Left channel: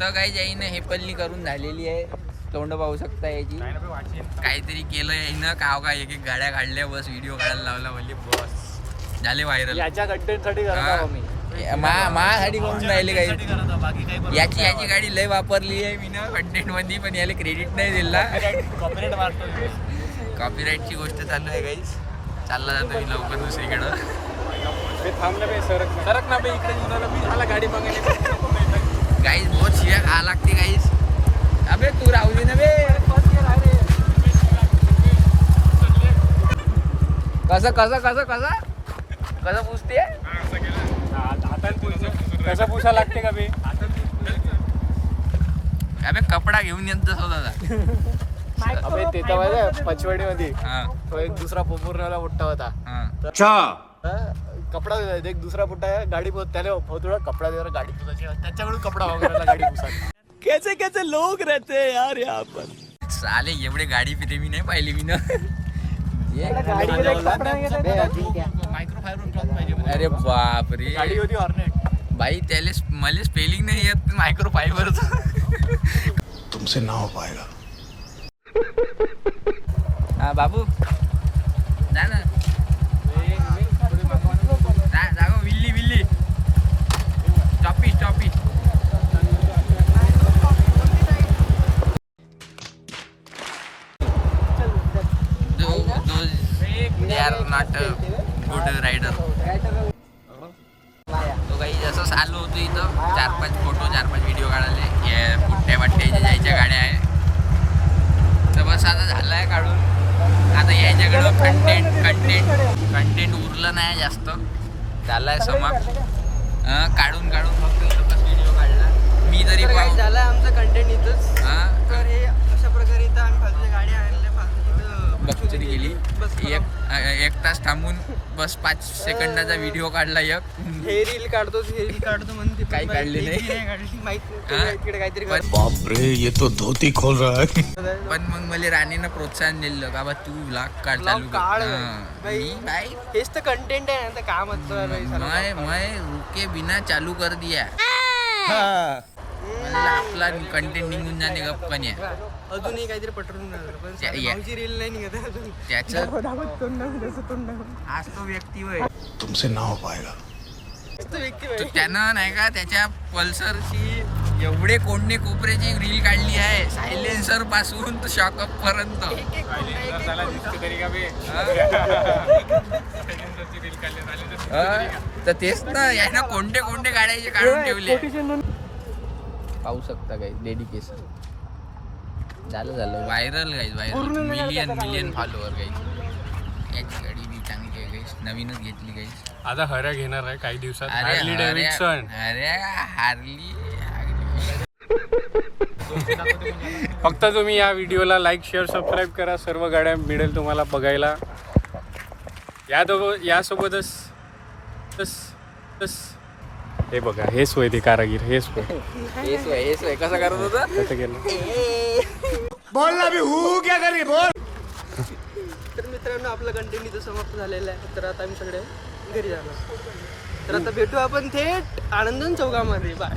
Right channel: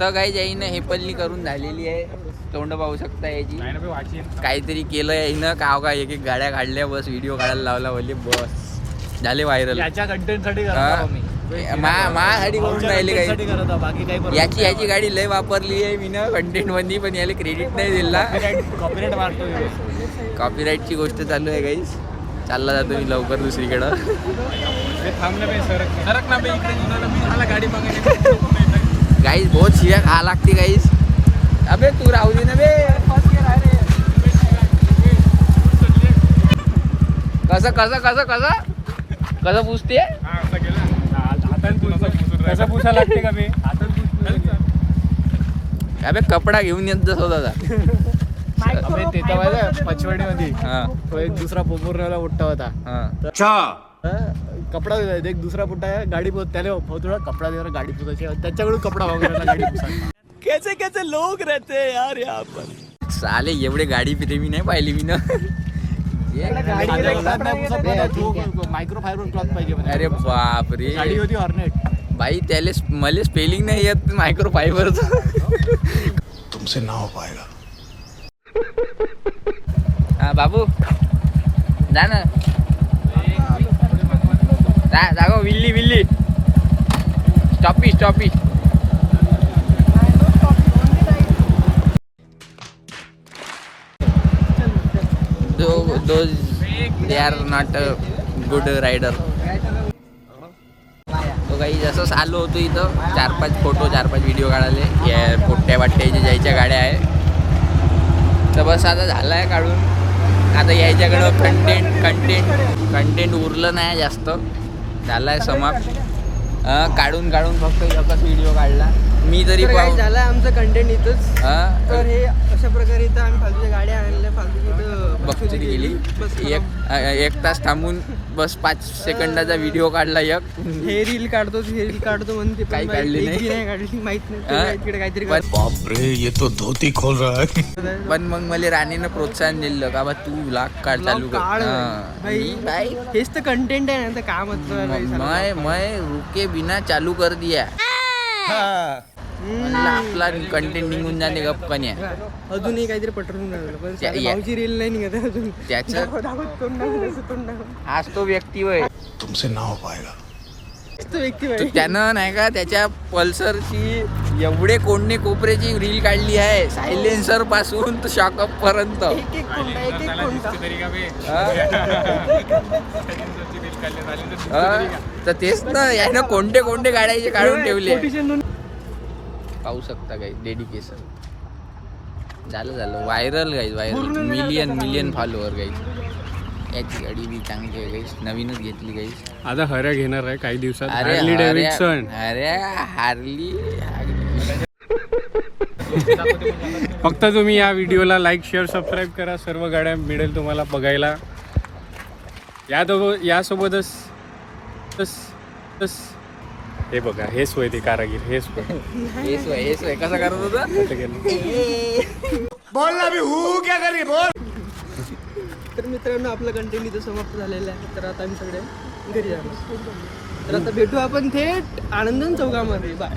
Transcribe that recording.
तर काही जाईन हेपल्ली करून झालेली आहे. तोंड पाहू शकता याची. काहीतरी केलं यायनं काव का एक गाड्या काढल्या बस व्हिडिओ काढायला लावला बोलले बस झाले व्हायरल. याच्या कंटेंटसाठी याची गाडी लय वापरली आहे मी ना कंटेंट मध्ये पण याला क्रेडिट नाही दिला. कॉपीराईटची गोष्ट चालू आहे गाईस. चालला जातो मी लवकर दुसरीकडं. गाईस बहुत शिव्या खा लागते गाईस. अबे तू राहू दे ना बे. कसं कसं कसं कसं कसं पुसते कसं पुसा लागते का बे. अबे कपडा घेऊन येत जसं दादा ते तर पचवडीमध्ये तो एक दुसरा पोपूरला मोठा होता. कपडा एक दुसरा पुट्टा गाडी त्याला कपडा दे गाडी पुसायची त्याच्याकडून कपडा वगैरे गाडी पुसायची. कैसे कैसे लोग रहते हैं यार यहाँ पर. साले एवढे गाडी प्रेमी नाही पाहिली मी ना. मायक्रोफायबर क्लॉथ पाहिजे. अरे बापरे गाडी होती हॉर्नेट. भाई त्याले मला स्पेलिंग नाही येत मायक्रोफायबरचं. तुमसे ना हो पाएगा. बाबू जा ना जागो. विल्ली विल्ली स्टॉपी स्टॉपी. They are not a good rider. तो काही जसंच आलो होतो इथं 4-5 फोटो 4-5 व्हिडिओ काढाले या पोट्ट्या वाट्याच्या ज्याच्या गाड्या आहे. तर बस आता झालं आहे काढून. आता यायच्याकडं कंटेंट उरलं नाही जास्त. झालं आहे समाप्त. काढून फक्त एकच व्हिडिओ काढला मी तरी. झालं आमचं कंटेंट इथंच. तर हे अशा प्रकारे इथं आम्ही फालतूच्या गाड्या आणल्या फालतू गेली. एक तास थांबून बस 5 सेकंदाचा व्हिडिओ काढला. हे रील काढतो म्हणते काही काढली नाही माहित नाही काहीतरी. बाप रे ये तो धोती खोल रहा है. पण मग मला राणीनं प्रोत्साहन दिलं का बा तू व्लॉग काढ चालू कर. हेच तर कंटेंट आहे ना. का मतलब मैं रुके बिना चालू कर दिया. आपला कंटेंट निघून जाणे गप्पन आहे. अजूनही काहीतरी पटवून रील नाही निघत अजून. त्याचं आज तो व्यक्ती होय तुमसे ना हो पाएगा. त्यानं नाही का त्याच्या पल्सरची एवढे कोंडे कोपऱ्याची रील काढली आहे. सायलेन्सर पासून तर शॉकअप पर्यंत. तर तेच ना यानं कोणते गाड्याचे काढून ठेवले. पाहू शकता काही डेडिकेशन. झालं व्हायरल मिलियन फॉलोअर गाईज. याची गाडी बी चांगली आहे गाईज. नवीनच घेतली गाईज. आता हऱ्या घेणार आहे काही दिवसात. अरे हार्ली फक्त तुम्ही या व्हिडिओला लाईक शेअर सबस्क्राईब करा. सर्व गाड्या मिळेल तुम्हाला बघायला. यासोबतच हे बघा हे सोय ते कारागीर हे सोय कसा करत होता. बोल ना भी हूँ क्या करी बोल. तर मित्रांनो आपलं कंटेंट इथं समाप्त झालेलं आहे. तर आता आम्ही सगळे घरी जाणार. तर आता भेटू आपण थेट आनंदन चौकामध्ये. बाय.